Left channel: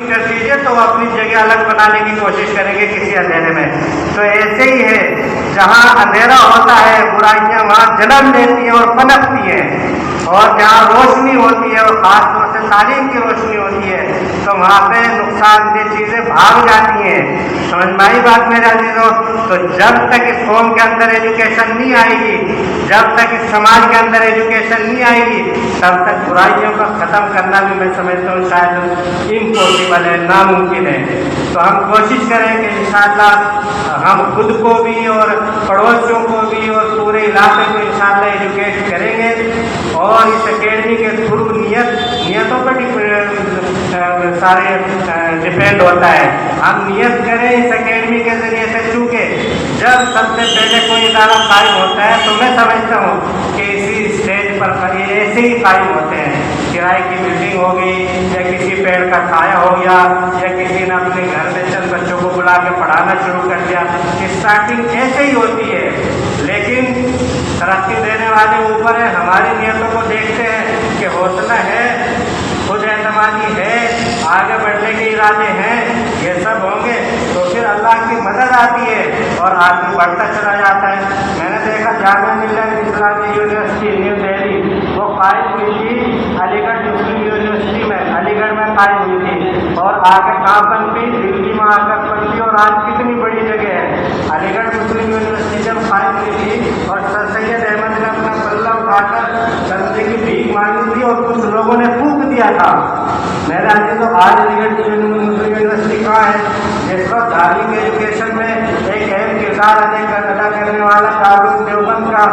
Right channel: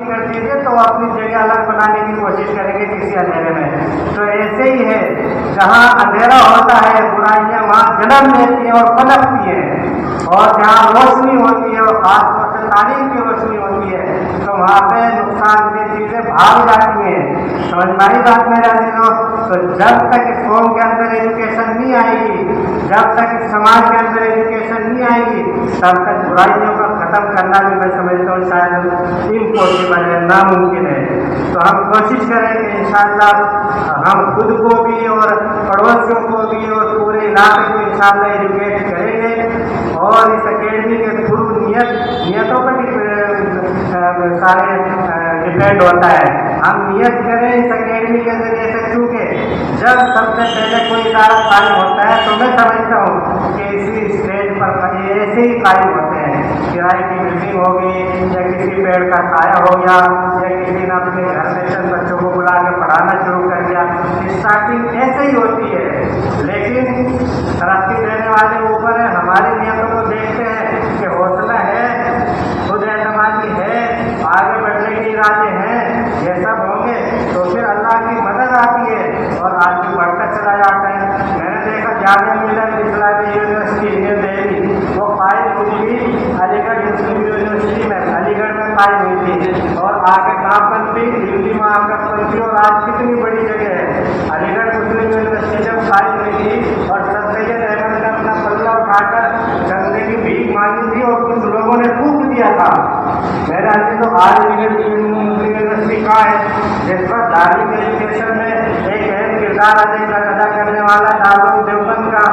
کر دیجیے تو وہ اپنی جگہ الگ بنانے کی کوشش کریں گے کسی اندھیرے میں. تو ایسے ہی ہے، جہاں اندھیرا ہوتا ہے برائیاں وہاں جنم لیتی ہیں اور پنپتی ہیں، اور جہاں روشنی ہوتی ہے اور خاص طور سے تعلیم کی روشنی ہوتی ہے تو وہاں پہ نقصان دہ چیزیں بھاگ جاتی ہیں. سمجھ میں آئی بات میرے عزیزوں؟ تو جب تک اس قوم کے اندر ایجوکیشن نہیں آئے گی، جب تک اس سماج کے اندر ایجوکیشن نہیں آئے گی، تب تک برائیوں کو ختم کرنا بھی میں سمجھتا ہوں شاید امپاسبل ہے، ناممکن ہے. تو ہم کوشش کریں کہ انشاءاللہ ہم خود کو بھی اور پڑوسیوں کو بھی اور پورے علاقے کو انشاءاللہ ایجوکیٹ کریں گے. اور اس اکیڈمی کے تھرو نیتوں پر سارے ڈپینڈ ہوتا ہے. ہم نیت کریں اس اکیڈمی کے ذریعے سے، کیونکہ جب سب سے پہلے کوئی ادارہ قائم ہوتا ہے تو میں سمجھتا ہوں کہ اسی اسٹیج پر ایسے ہی قائم ہوتے ہیں. کرائے کی بلڈنگ ہوگی یا کسی پیڑ کا سایہ ہو گیا یا کسی نے اپنے گھر میں چند بچوں کو بلا کے پڑھانا شروع کر دیا. اسٹارٹنگ ایسے ہی ہوتی ہے، لیکن ترقی دینے والے اوپر ہے. ہماری نیتوں کو دیکھتے ہیں کہ حوصلہ ہے، خود اعتمادی ہے، آگے بڑھنے کے ارادے ہیں، یہ سب ہوں گے تو پھر اللہ کی مدد آتی ہے اور آدمی بڑھتا چلا جاتا ہے. میں نے دیکھا جامعہ ملیہ اسلامیہ یونیورسٹی نیو دہلی وہ قائم ہوئی تھی علی گڑھ مسلم یونیورسٹی میں، علی گڑھ میں قائم ہوئی تھی، اور آگے کہاں پنپی، دلی میں آ کر پنپی، اور آج کتنی بڑی جگہ ہے. علی گڑھ مسلم یونیورسٹی جب قائم ہوئی تھی اور سر سید احمد نے اپنا پلہ اٹھا کر چندے کی بھیک مانگی تھی اور کچھ لوگوں نے پھونک دیا تھا. میرے عزیزوں تو آج علی گڑھ مسلم یونیورسٹی کہاں ہے، جس کو تعلیم ایجوکیشن میں ایک اہم کردار ادا کرنے والا دارالعلوم دیوبند کا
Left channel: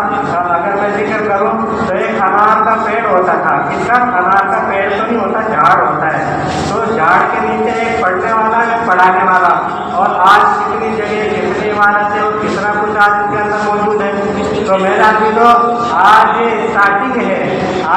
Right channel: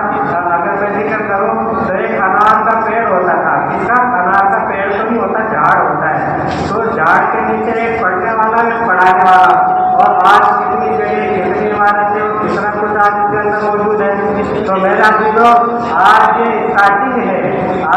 اگر میں ذکر کروں تو ایک انار کا پیڑ ہوتا تھا. کس کا؟ انار کا پیڑ تو نہیں ہوتا، جھاڑ ہوتا ہے. تو جھاڑ کے نیچے ایک پڑھنے والا ایک پڑھانے والا، اور آج کتنی جگہ کتنی عمارتیں اور کتنا کچھ آج اس کے اندر موجود ہے. تو میرا عزیزوں آج یہ اسٹارٹنگ ہے،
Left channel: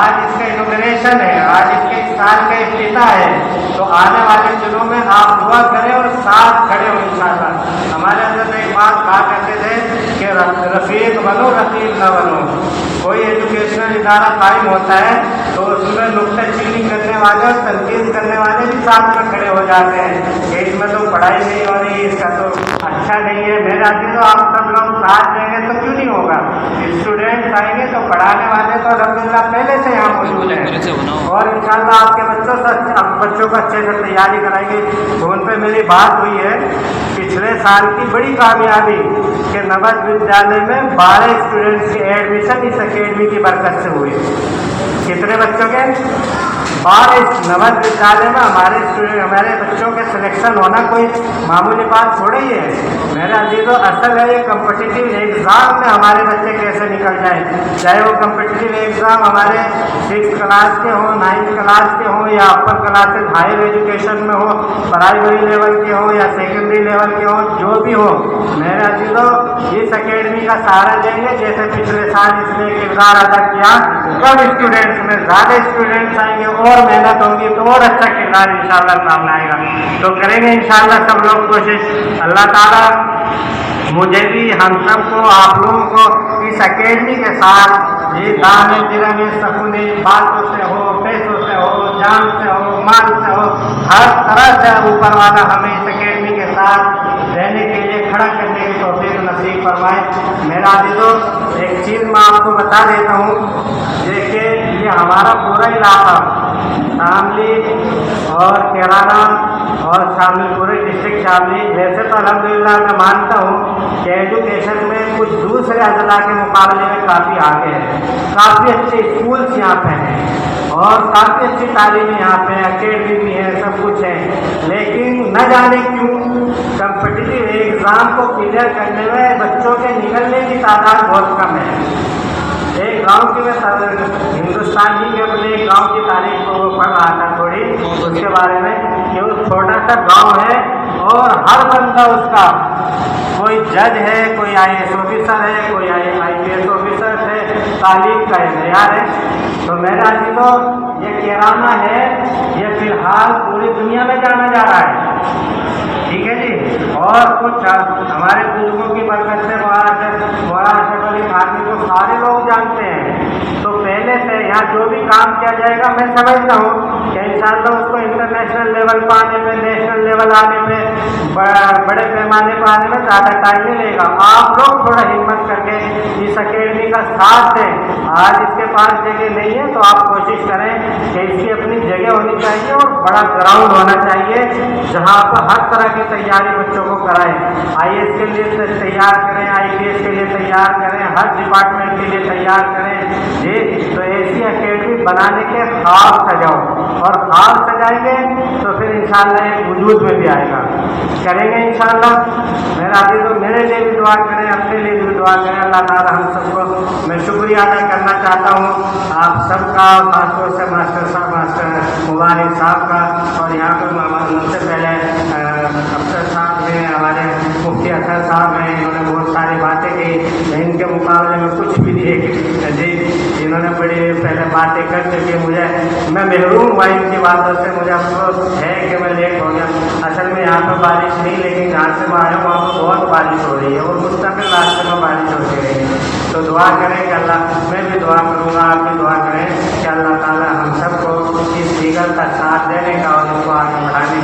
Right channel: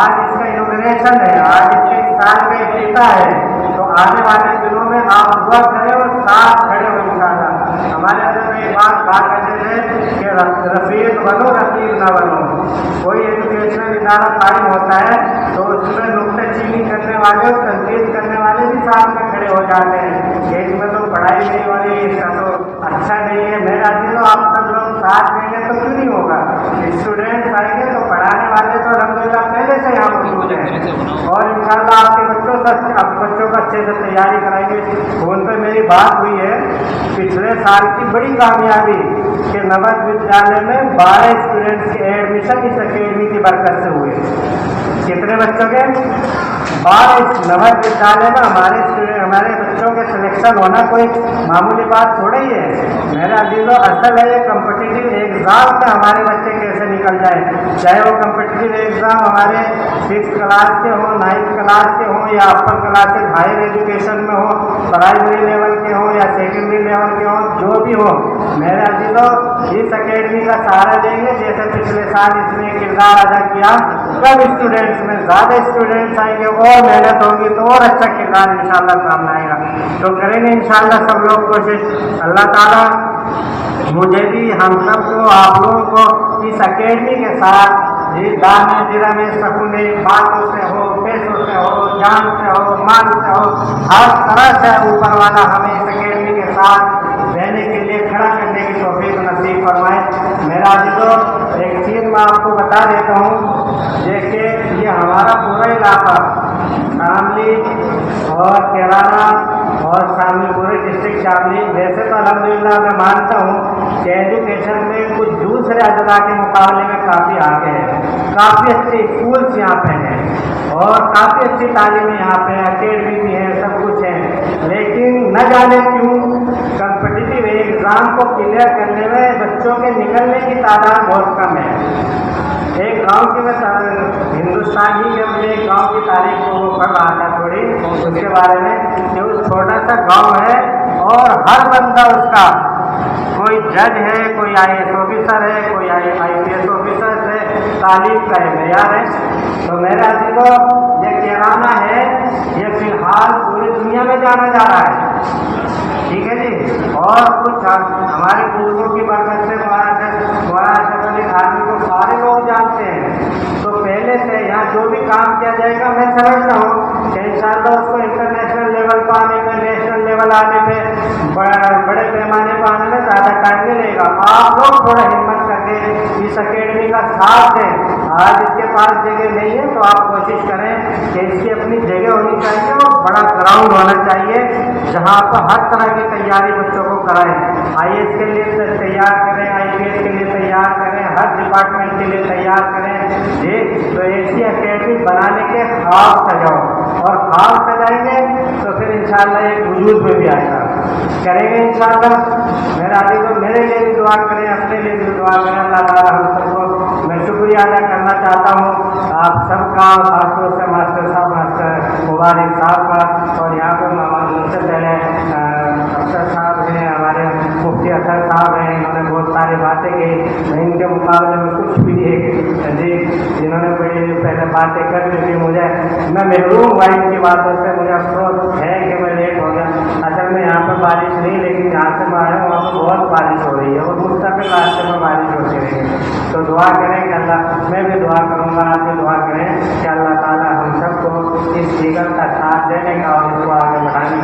آج اس کا انوگریشن ہے، آج اس کے اس سال کے افتتاح ہے. تو آنے والے دنوں میں آپ دعا کریں اور ساتھ کھڑے ہو انشاءاللہ. ہمارے اندر ایک بات کہا کرتے تھے کہ رفیق بنو رقیب نہ بنو. کوئی ایجوکیشنل ادارہ قائم ہوتا ہے تو اس میں نکتہ چینی کرنے والے اور تنقید کرنے والے بھی ساتھ میں کھڑے ہو جاتے ہیں کہ اس میں تو پڑھائی نہیں ہو رہی، اس کا تو اچھا نہیں ہے. میرا عزیزوں آپ سب لوگ ساتھ دیں گے تو کیوں نہیں ہوگا؟ اسٹوڈنٹس آئیں گے تو پڑھانے والے تو الحمدللہ پہلے سے یہاں موجود ہیں، اور انشاءاللہ آپ کے بچوں کو اچھے سے تیاری کرائیں گے. فون پہ میری بات ہوئی ہے پچھلے سال کی بڑی کامیابی کہ نوج ودیالیہ میں 12 اسٹوڈنٹس کے ایڈمیشن اس اکیڈمی کی برکت سے ہوئے. کتنے بچوں کے؟ 12. نوج ودیالیہ میں ہمارے بچوں کے سلیکشن ہونا کوئی معمولی بات تھوڑا ہی ہے. میرے عزیزوں اصل ہے یہ کمپٹیٹیو ایگزام میں ہمارے بچے کیسے نکل جائیں، چاہے وہ کمپٹیٹیو ایگزام ہمارے 6 کلاس کے ہوں، 9 کلاس کے ہوں، یا اپر کلاسز ہائر ایجوکیشن میں ہو، پرائمری لیول کے ہوں یا سیکنڈری لیول کے ہوں، جو بھی ہو. میرے عزیزوں اس اکیڈمی کا سہارا دیں گے جیسے پچھلے سال اس نے کردار ادا کیا. کم اسٹوڈنٹس میں زیادہ اسٹوڈنٹس آئیں گے اور محنت ہوگی تو اور اچھا کردار انشاءاللہ سامنے آئے گا. تو کریں گے انشاءاللہ سب لوگ کوشش. اللہ تعالیٰ مجھے بھی، ہم سب کو، آپ لوگوں کو اس اکیڈمی کے ساتھ دام درم سکونے باتوں سے ہو، پیسوں سے ہو، جان سے ہو، مال سے ہو، ہر طرح سے اوپر والا ہمیں اس اکیڈمی کے ساتھ رہنے کے لیے کھڑا کرنے کی توفیق نصیب فرمائے. میرا عزیزوں ایک چیز میں آپ کو بتا دیتا ہوں، یہ کہ یہ ہمارا پورا علاقہ شاملی اور کیرانہ اور شامل پورے ڈسٹرکٹ شاملی، ویسے تو الحمدللہ میں مانتا ہوں کہ ایجوکیشن میں کچھ دوسرے اضلاع کے مقابلے میں کافی آگے ہے. کافی اچھے اسکولس یہاں پہ ہیں اور کافی اچھی تعلیمیں یہاں پہ، اکیڈمی بھی ہے، سب کچھ ہے. لیکن نہ جانے کیوں کمپٹیٹیو ایگزام کو کلیئر کرنے میں بچوں کے نکلنے کی تعداد بہت کم ہے. ایک گاؤں کی، میں ہندوستان ہی کے اپنے ایک گاؤں کی تاریخ کو پڑھ رہا تھا تھوڑی اس کے بارے میں کہ وہ چھوٹا سا گاؤں ہے اور ہر بندہ اس کا کوئی جج ہے، کوئی IAS آفیسر ہے، کوئی IPS آفیسر ہے، تعلیم کا معیار ہے. تو میرا عزیزوں یہ کیرانہ ہے، یہ فی الحال پوری دنیا میں جانا جا رہا ہے. ٹھیک ہے جی. اور کچھ ہمارے بزرگوں کی برکت سے مولانا اشرف علی خانوی کو سارے لوگ جانتے ہیں. تو پہلے سے یہاں جو بھی کام کیا جائے گا میں سمجھتا ہوں کہ انشاءاللہ اس کو انٹرنیشنل لیول پہ آنے میں، نیشنل لیول آنے میں، بڑے پیمانے پر آنے میں زیادہ ٹائم نہیں لگے گا. آپ لوگ تھوڑا ہمت کر کے اس اکیڈمی کا ساتھ دیں. آج اس کے پاس جگہ نہیں ہے تو آپ کوشش کریں کہ اس کی اپنی جگہ ہونی چاہیے اور بڑا گراؤنڈ ہونا چاہیے جہاں آپ ہر طرح کی تیاری بچوں کو کرائیں. آئی ایس کے لیے تیار کریں، آئی پی ایس کے لیے تیار کریں، ہر ڈپارٹمنٹ کے لیے تیار کریں. جی تو ایسی اکیڈمی بنانے کے خواب سجاؤ، اور خواب سجائیں گے تو پھر انشاءاللہ ایک وجود میں بھی آئے گا. کریں گے انشاءاللہ. میرا ابھی تو میرے لیے بھی دعا کریں، اپنے لیے بھی دعا کریں. اللہ تعالیٰ ہم سب کو، میں شکریہ ادا کرنا چاہتا ہوں آپ سب کا، خاص طور سے ماسٹر صاحب، ماسٹر مبارک صاحب کا. اور یہاں پہ ان سے پہلے افسر صاحب ہیں، ہمارے مفتی اطہر صاحب ہیں، انہوں نے بہت ساری باتیں کی. ان کے مقابلے میں کچھ بھی نہیں جی، جنہوں نے بڑی پہلے باتیں کر چکی. میں محروم ہوا ان کی باتوں سے. مجھے افسوس ہے کہ میں لیٹ ہو گیا. اصل میں یہاں پہ بارش نہیں، لیکن جہاں سے میں آیا ہوں وہاں پہ بہت بارش ہو رہی ہے اور مستقل راستے میں بارش ہوتی رہی ہے. تو دعا کریں کہ اللہ، میں بھی دعا کروں گا، آپ بھی دعا کریں کہ اللہ تعالیٰ ہم سب کو اس دیگر کا ساتھ دینے کا اور اس کو آگے بڑھانے